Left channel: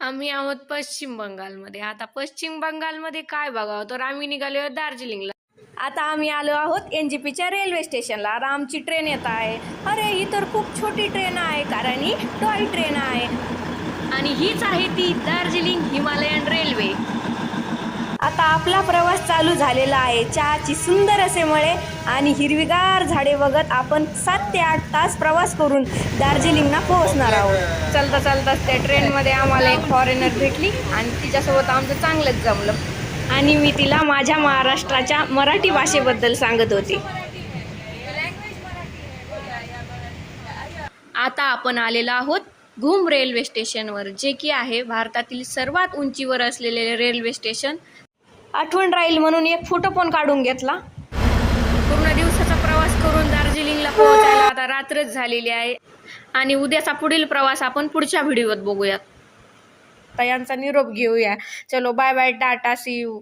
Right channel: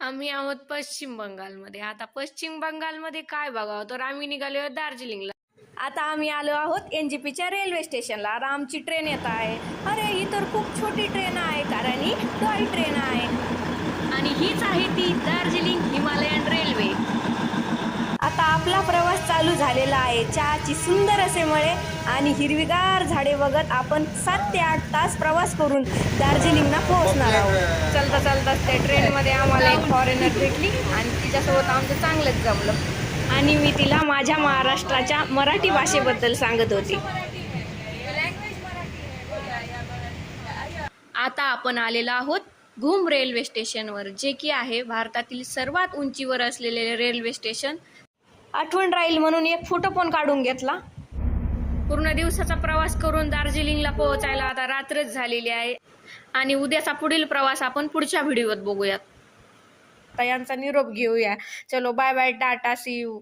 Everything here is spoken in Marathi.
आम्ही आहोत पश्चिम बंगालमध्ये. आता पश्चिम बंगालमध्ये काय बघावं, तर आम्ही निघालो आहोत दार्जिलिंगला. आता आम्ही आलो आहोत NGPच्या रेल्वे स्टेशनला. आता आमची ट्रेन येत आहे. अरे ही तर खूप छोटी ट्रेन आहे, कारण ही टॉय ट्रेन आहे आणि हीच आहे ती दार्जिलिंग हिमालयन रेल्वे. आता आपला प्रवास चालू झालेला आहे. चहाची सुंदर असे मळे आणि हिरवीगार झाडे बघत आपण 7 ते 8 तास प्रवास करून दार्जिलिंगला पोहोचणार आहोत. चालता चालता त्या ट्रेनमध्ये आम्हाला एक फॉरेनर भेटली आणि तिच्यासोबत आमचं चांगलंच जमलं आणि मी तिला माझ्या महाराष्ट्राच्या मराठी भाषेबद्दल सांगत होते. आता आपण आलेलो आहोत घुम रेल्वे स्टेशनवर, जे की आहे भारतातील सर्वात उंचीवर असलेले रेल्वे स्टेशन. आठवण राहील म्हणून एक फोटो पण काढून घेतला. पूर्ण दिवसाचा प्रवास करून दार्जिलिंगला पोहोचायला आता रात्रच झालेली आहे आणि उद्याचा पुढील प्रवास आपण पुढच्या व्हिडिओत बघूयात. आता यांचा निरोप घेऊया. चलो bye bye, tata, see you.